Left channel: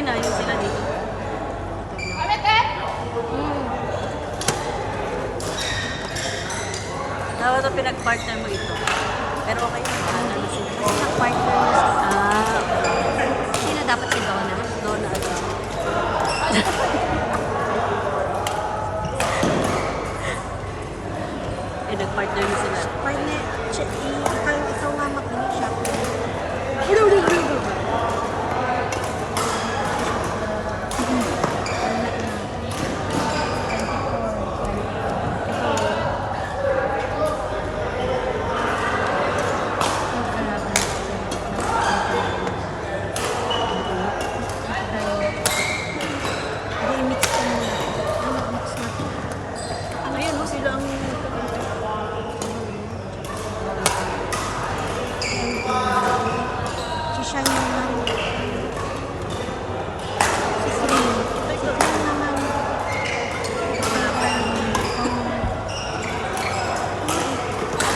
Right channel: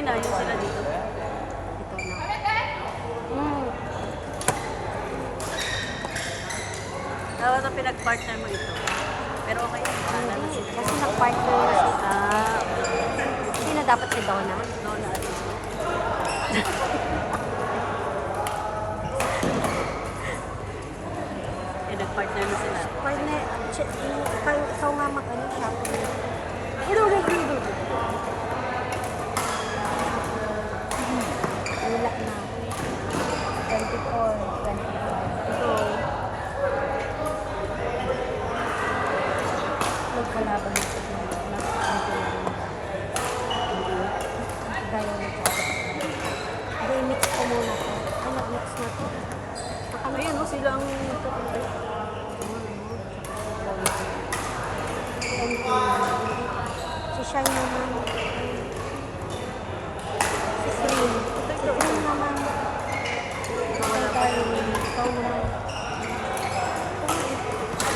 Kanina, yung sila dito. Dapat na pinag-partner mo ito. Pero okay yan, bahala na sila. Kasi mag-partner na sila. Okay. Hindi na dapat si Donna. Donna at nag-partner na sila. Partner, ikaw nga makinig siya. Ayan o, sila ang Si Shine naman. Si Green. Ito naman. Ikaw naman.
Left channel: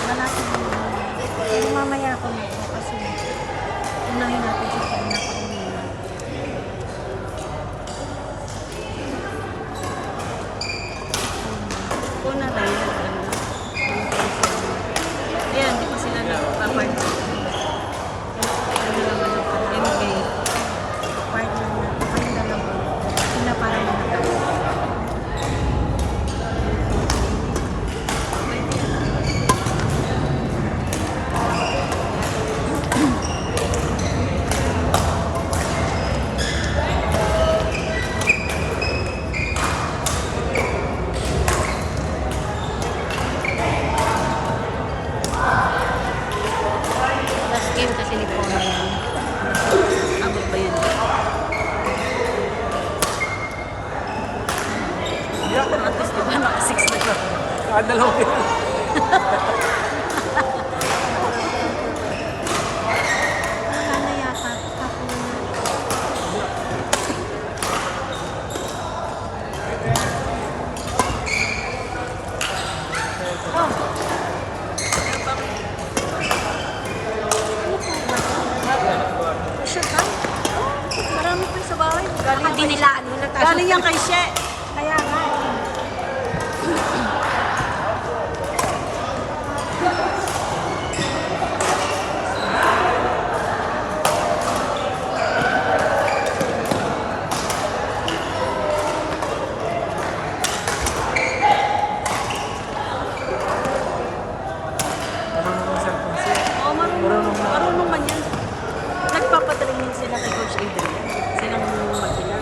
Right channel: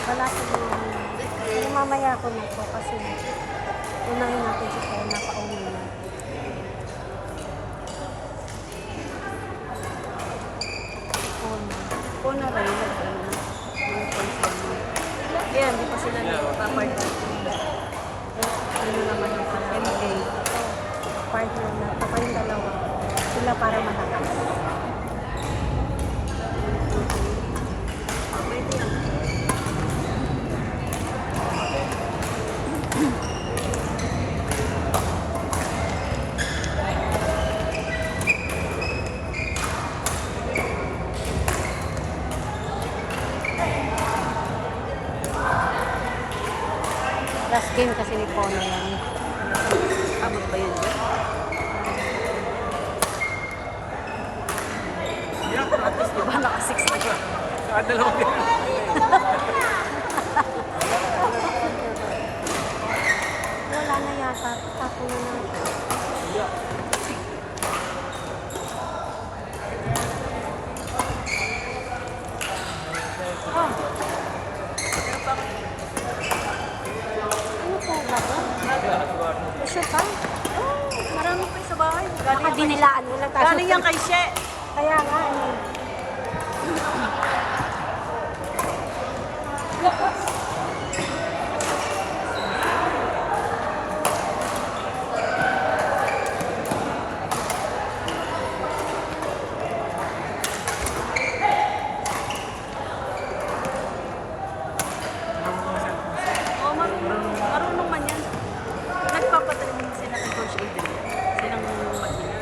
Lalapit mo naman. Mamaya ako nito kasi unahin natin si Shine na kaunina. po na rin. Ayan, di pa sila nag-partner. MK. Partner na. Partner na lang. Sila para manatay. Last game kasi ni Pona yan. Abot ba yan? Yeah. Pero at least diba naka-6 na siya. Kadalaw din. Wala na yata. Tapos Oh! Pero bakit? ano po ba ito? Bakit? Sure ka? Oh, marami pa yung sa bahay. Galing yan kay Dinilaan mo na tayo. Galing yan kay She. Kaya nga. Marunong mo cellphone siya. Oh, marunong. Marunong na. Marunong man yan. Nagpapatrain sila kay Coach Adrian. Silang mag-ina.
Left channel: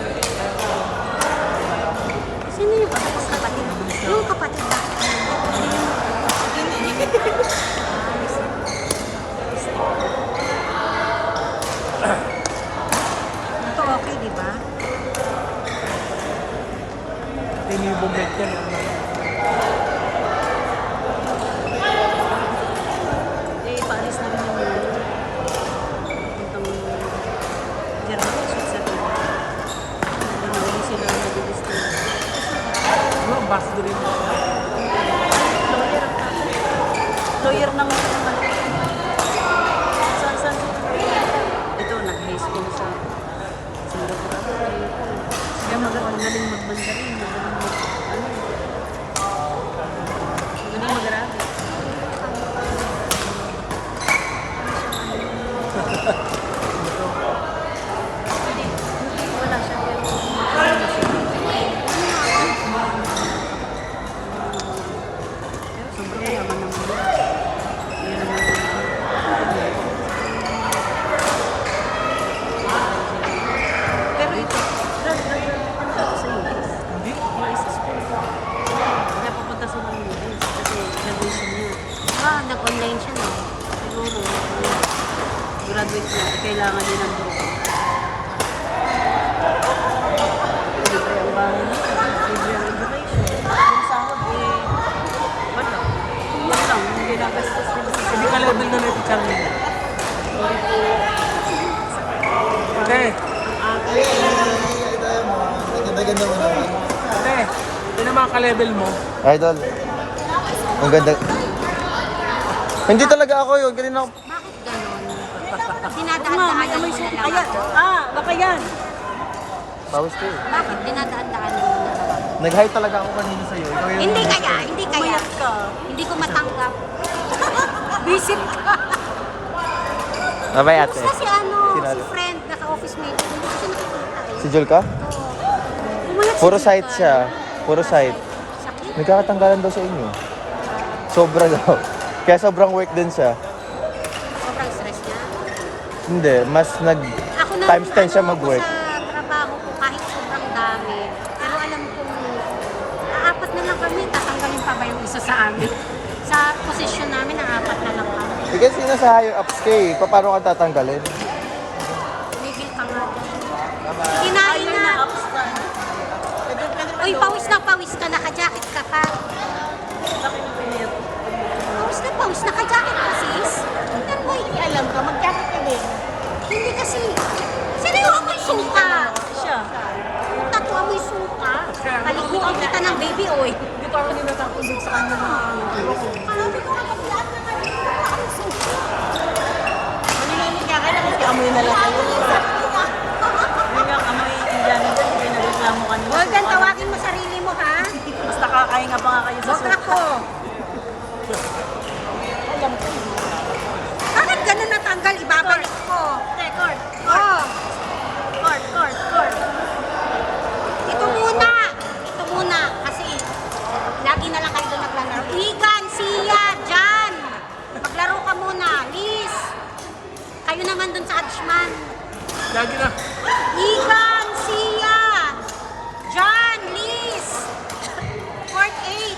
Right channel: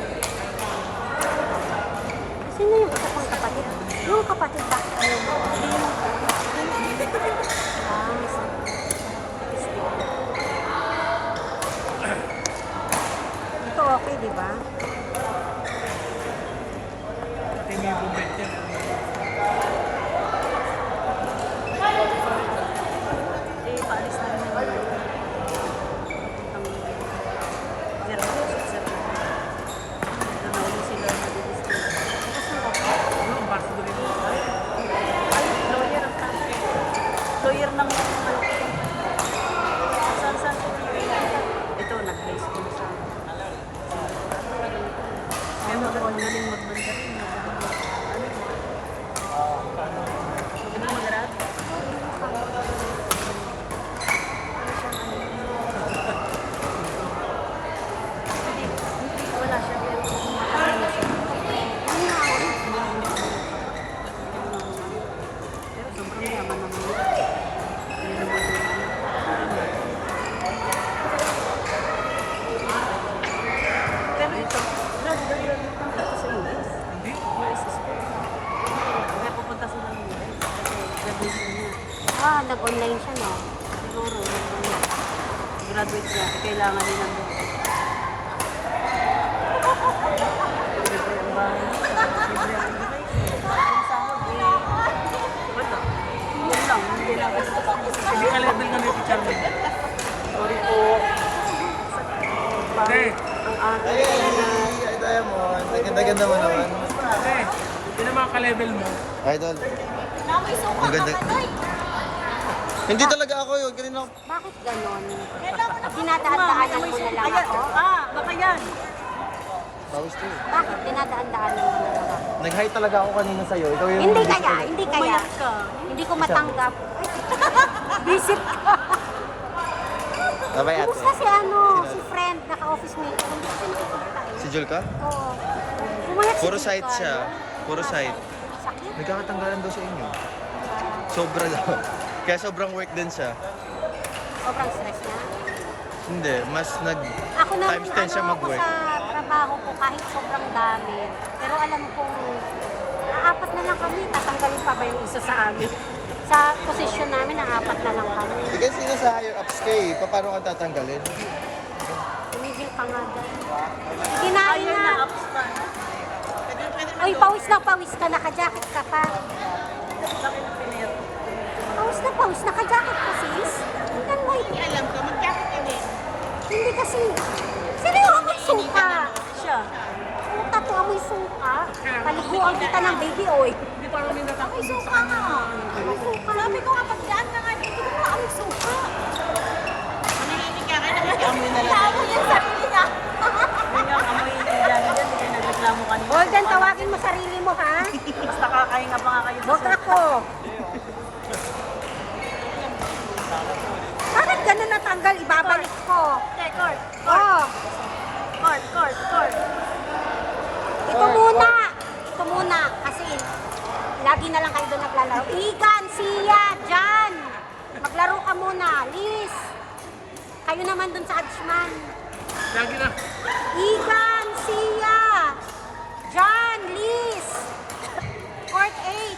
Sino yung kapatid? Yung kapatid ba? Ito okay, di ba? Hindi yung bumbet yan. Eh, paalis na rin yung mga yun. Puntang German, Switzerland. Doon na uli sila mag-distill. Ano, ambassador yun. Ay, lawyer ang tatay. Lawyer ng ano, company. Saan sila nakikita? Ito, nag-high school sa Singapore. Kaya magaling mag-mandarin, magaling ano, magaling mag-arabi. Hindi, wala siya, pero matalino siya. Pero sobrang yaman naman yun. Yun naman yung ano. Pero ito, graduate sa US. Hindi? US school. Kaya pupunta sila ng US kasi graduation niya. Nag-online siya na. Siguro, graduate niya, kailangan din ng drugo. Libre ang bahay nila, libre ang education. Yung sahod, wala. Yan lang, yung ginagastos nila sa Hindi ka sahod. level na nito, Charlie. Sorry po. Ate, Ganda-ganda mo naman. ate, ito na mga ka-level mo. Idol. Ang ganda. Hindi talaga ako yun. Kanina ako. Bakit ganon? Oo nga, may amoy soup. Ayan, baka yan. Pawis ko eh. Bakit? Dinadaan-daan mo na. Nag-hi talaga ako kanina sa'yo. Ikaw yung Hindi nag-miss kaya, ko. hindi kaya. Umayat ka. Hindi ko matanggap. Visit ka. Mamaya ate. Basta si ano, Sino? si friend, naka-office mate. Hindi ko siya nakikita eh. Si Jul ka? Umayat Puro si site Jika. siya. Puro site. Sakit. Nagkakatanggalan daw sa inyo. Sobra daw. Kaya sobrang work din siya. Sobrang stress niya. Hindi, mas nag Ako na times 10 siya mag-work. Ako sa trabaho ko kahit sobrang dami. Pero alam kong apat na lang kami. Tatanggalin pa ba yung isa sa amin? Sa posisyon namin, apat na lang kami. Kasi sino sa higher ups ka eh. Paano ka tatanggalin? Bigil ka nga. Kinain Ayun na. na, ups pa, no? Uy, pawis ka. Naka-jacket ka pa. Sa akin ang pinayat ko. Pawis. Naka-jacket ka, sis. Tingnan mo. Hindi alam ka. Mag-jacket ka din. Hindi kasi. Sino yung amoy suka? Siya. Puta ko amoy suka. Kalikuan kita ng baby oil. Hindi pa rin natakot din sa kanya na ewan ko. Alam ko kapag yan na nga yung amoy suka. Amoy na lang kayo. Yun yung amoy Indiano dyan, hindi kayo nagreklamo kanina. Huwag kang Suka lang tawagin yun. mo sarili mo, ha? Mas nakakahinga pa nga kayo sa Huwag suka. ako. Bakit ganun natanggal? Ibabalik ko. Te, court. Oh, Court. ito muna. Kasi lagi na lang kayo doon naglalaro. Igan, Sia, Jan. Maglaro ka muna. Liz. Kayo naman doon sa Adshman. Lagi na. Igan, Sia, Jan, Liz. Court 8.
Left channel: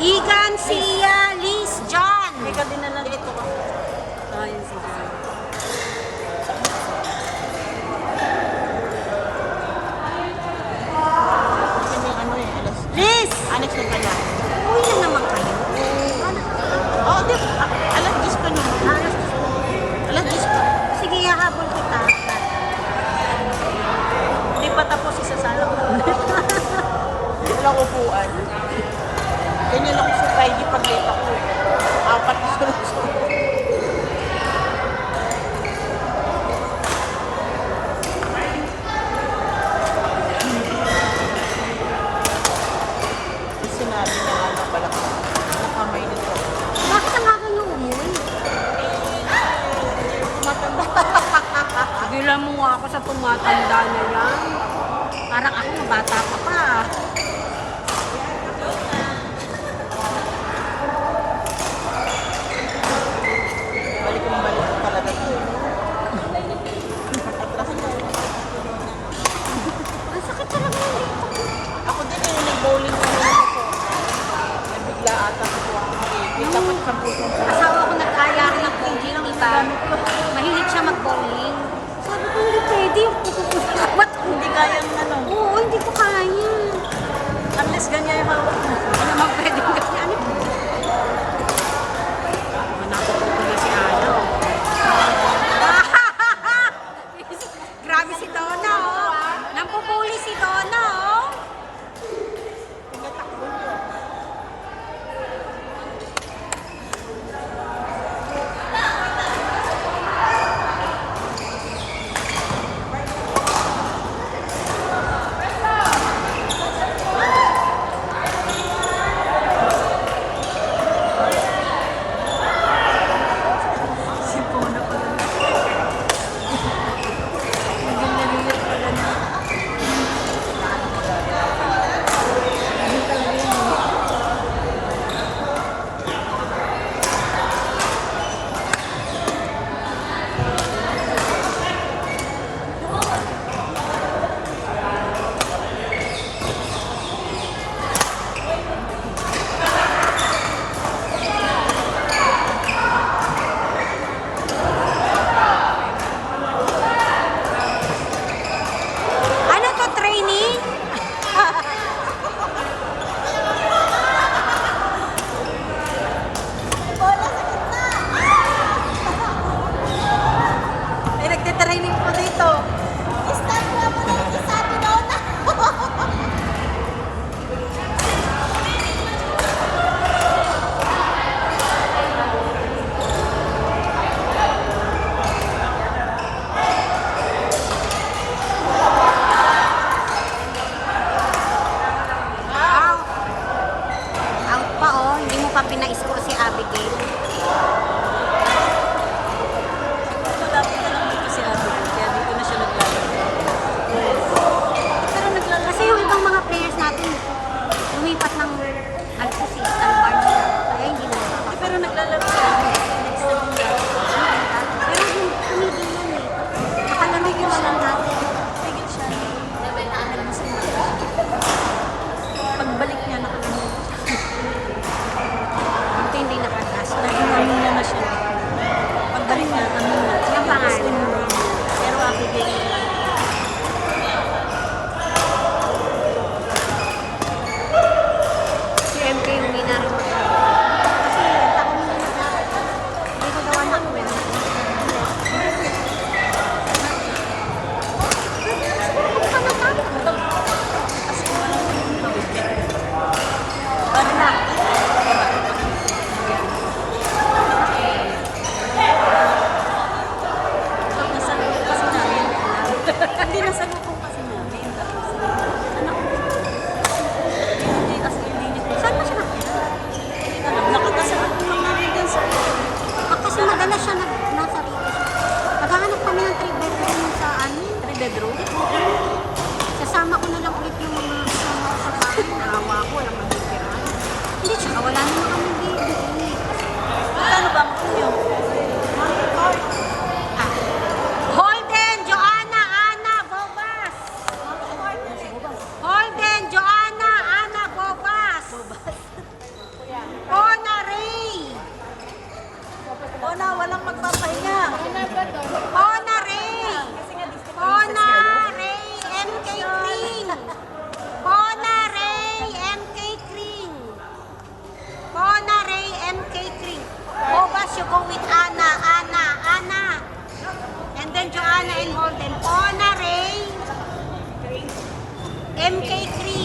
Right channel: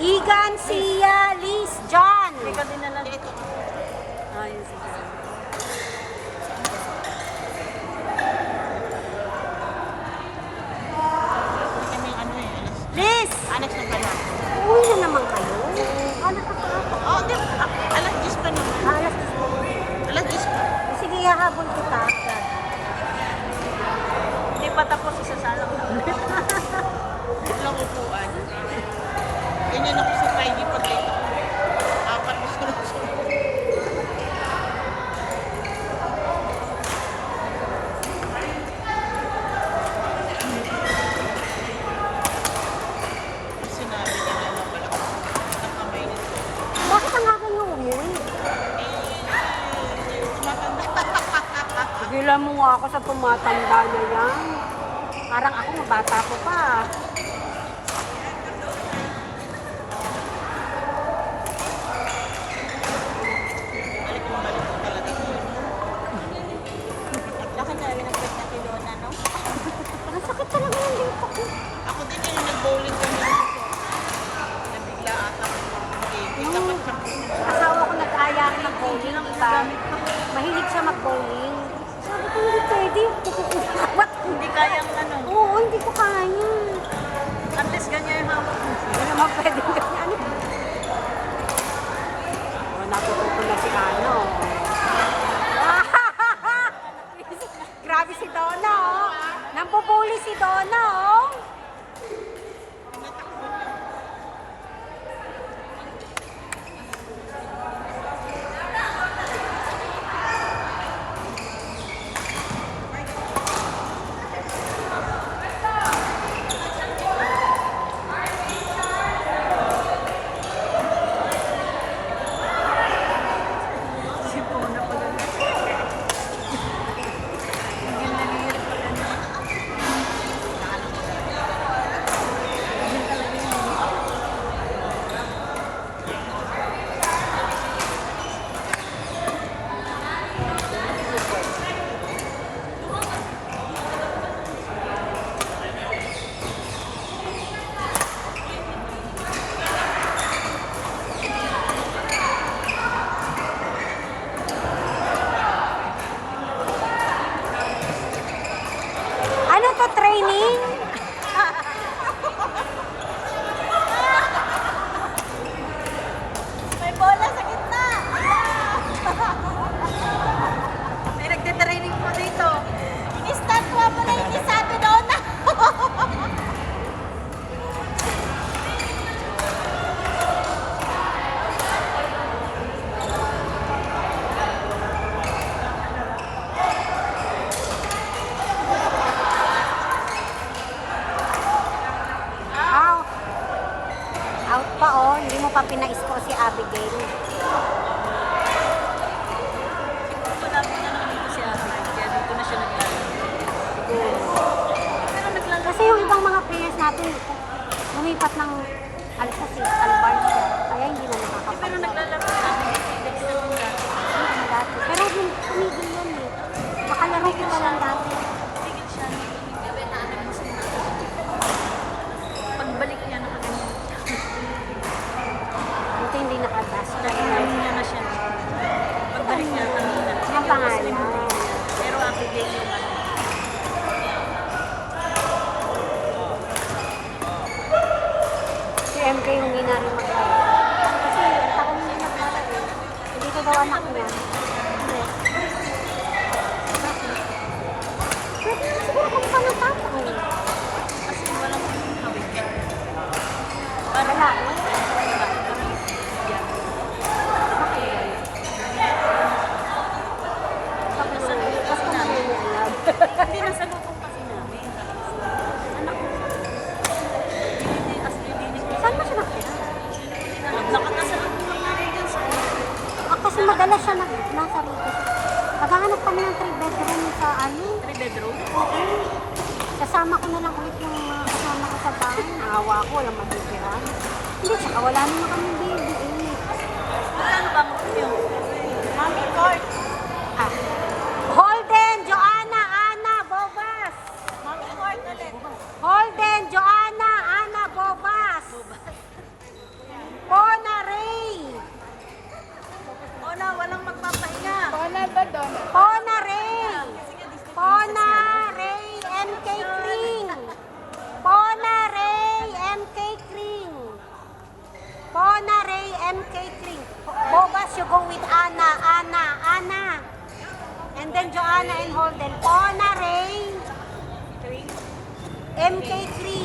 Igan, Sia, Liz, John. Hindi ka dinala dito ka. Ah, yun si Jan. Liz! Alex na pala. Uwi na naman kayo. Oh, di ba? Alas 10 pa naman. Alas 10 pa. Sige, hahabol kita. Hindi pa tapos, isasalak na ulit. Walang upuan. Ganyan ako sa Friday pag late ako. Apat na sunod-sunod. Sinabi na nga na pala ko. Nakamay na ito. Bakit ang aga niyo umuwi? Tumatanda. Pagilan mo nga ako sa tumatanda na yan. Parang ako mabata ko pa. Balik ko talaga ito. At kasi nga, Ang sakit talaga yung dito ko. ako din yung nag-bowling kami na sa Nabigla ata ko ako mag-ibig. Tapos sa puso ko. Asawa ko nag-aya ng bowling ng iba. Mahilig siya mag-bowling. Sabi ko, hindi pwede yung kukukumat. Hindi kayang ano. Oo, hindi ko kaya. Unless ganyan yung hawak mo. Hindi naman pwede yung ganyan. Mga natututo na si Ano. Grabe si Donna, oh. Nampupuli si Donna, oh. pa pina-score si Abigail. Malapit na lang dito si Ate ko, kaya dito na siya naglalaro. Pero naglalaro Kasi yung ibang mga players natin, lumipat ng Alpha Alban. Kaya hindi na Eh, pero naglalaro siya. Next na din dati. Pero tumigil yan eh. Nakalamigil siya. Tigil siya. Nagmusing na. Pagbalik niya, nakaganyan. Buti hindi nakatasa. Naging amina na siya. Pagbalik niya, amina. Nagkakaslim na yun niya. Pero ako din naman. Si MK yung ninaro. Kasi ako na hindi ko baka makuha. Kasi kung walang tawid. Parang na. Yan. Pag nasalubong kasi namin. Hindi nasalubong kasi namin. Tapos, anak ko. Hindi, as hindi niya. Saan mo siya? Hindi na lang. Nakakasalubong lang namin dyan sa Kasi madalas siya nasa rito. Maghahanap kami ng 3 bedroom sa ano. 3 bedroom. Sasama ko na lang ulit yung mga kasama ko sa bahay. Naawa ko, walang magigiraan. Hindi, tsaka wala naman kami baby. Magkano ba mo niyo? Holden, Joanna, Ana, Bobas. Holden, Joanna, Ana, Bobas. Pona Ray. Ona, walang magpapahinga. Pona Ray. Pona Ray, MK Kring. Pona Ray, MK Kring. Pona Ray, MK Kring. Bobas, you go with Ana, Ana, Ana. And then Joanna and Holden. Pona Ray, MK Kring.